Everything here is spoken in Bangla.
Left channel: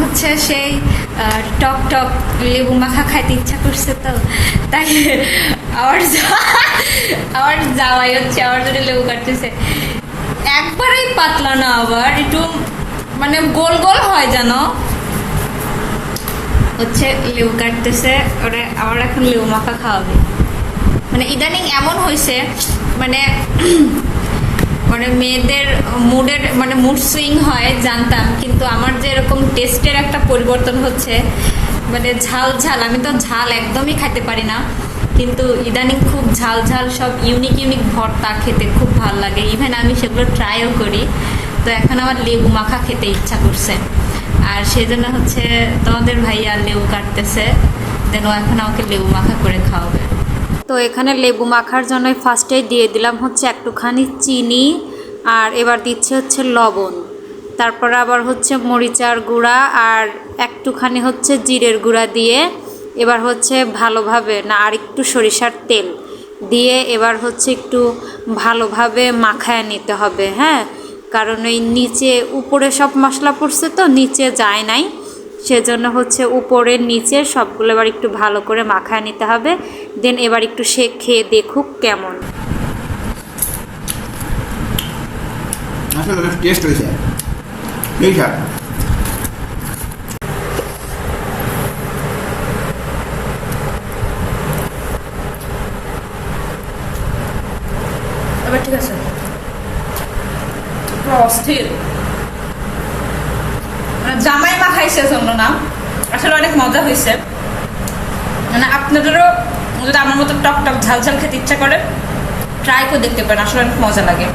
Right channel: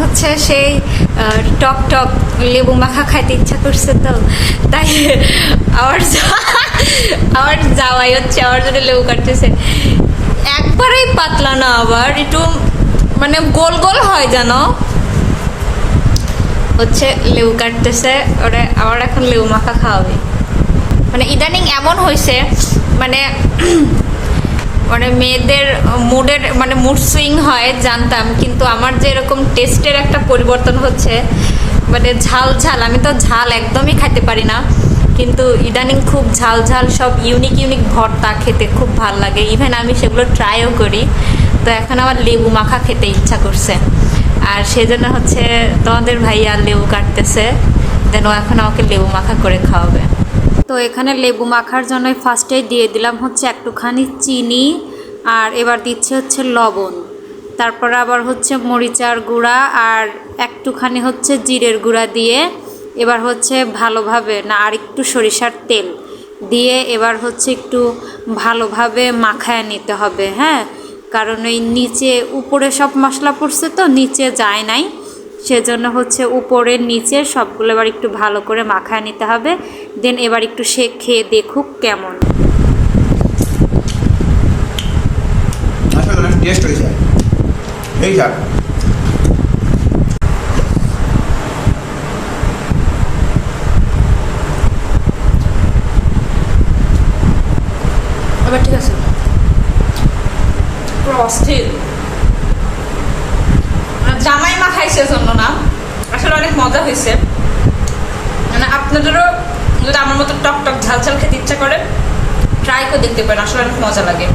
হচ্ছে সেই টক টক লেবু মাখা খাইতে ইচ্ছা করছে, তো তাই আমার যাওয়াই হচ্ছে আমার জন্য লেবু কাটতেছে। একবারেই পাতলা না, আবার একটু মানে গোল গোল হয় যেন, হচ্ছে লেবু কাটতেছে। ওরে আমার এখন লেবু মাখা খাওয়াবে। মানে ইদানিং এমন হয়েছে, মানে মানে মেয়েদের মুডের মানে মুড সুইং হয় জানতাম, কিন্তু আমার যে এরকম টেস্টের একটা পরিবর্তন হচ্ছে, মানে ঝাল ঝাল, আমি তো ঝাল একদমই খেতে পারি না, কিন্তু ইদানিং খুব ঝাল ঝাল সব ইউনিক ইউনিক ভর্তা খেতে খুব ভাল লাগে, ইভেন আমি সেগুলো ট্রাইও করি। তো এখন আমার লেবু মাখা খেতে ইচ্ছা করছে, আর সেজন্য হচ্ছে তোমাদের ভাইয়া লেবু কাটতেছে, যেন এখন আমাকে লেবু মাখা করে খাওয়াবে। তো এখানে লেবু মাখার জন্য ফার্স্টেই দিয়ে দিলাম হচ্ছে একটুখানি চিনি, আর এবার দিচ্ছে হচ্ছে লবণ, তারপর আবার হচ্ছে মরিচার গুঁড়া আর একটুখানি হচ্ছে জিরের গুঁড়া দিয়ে এবার হচ্ছে ভালোভাবে না, আর একটু সরিষার তেল দিয়ে এবার হচ্ছে একটু ভালোভাবে মাখায় নিতে হবে। হ্যাঁ, কারণ এই নিচে উপরে সব মশলা পড়ছে তো নিচে যায় নাই, সেজন্য হচ্ছে উপরের নিচে সবগুলো এবার একটু ভালো করে মাখায় নিতে হবে। দেন এবার একটু সে খেয়ে দেখুক কেমন টেস্ট হয়েছে। এই যা এবার ঠিক আছে, পুরো অস্থির। জামাই মাখাইছে জন্য না, আসলে অনেক মজা হয়েছে। মানে আপনাদেরও যদি আমার মতো টক টক ঝাল ঝাল খেতে ইচ্ছা করে ট্রাই করে দেখতে পারেন, আসলে অনেক মজা লাগে।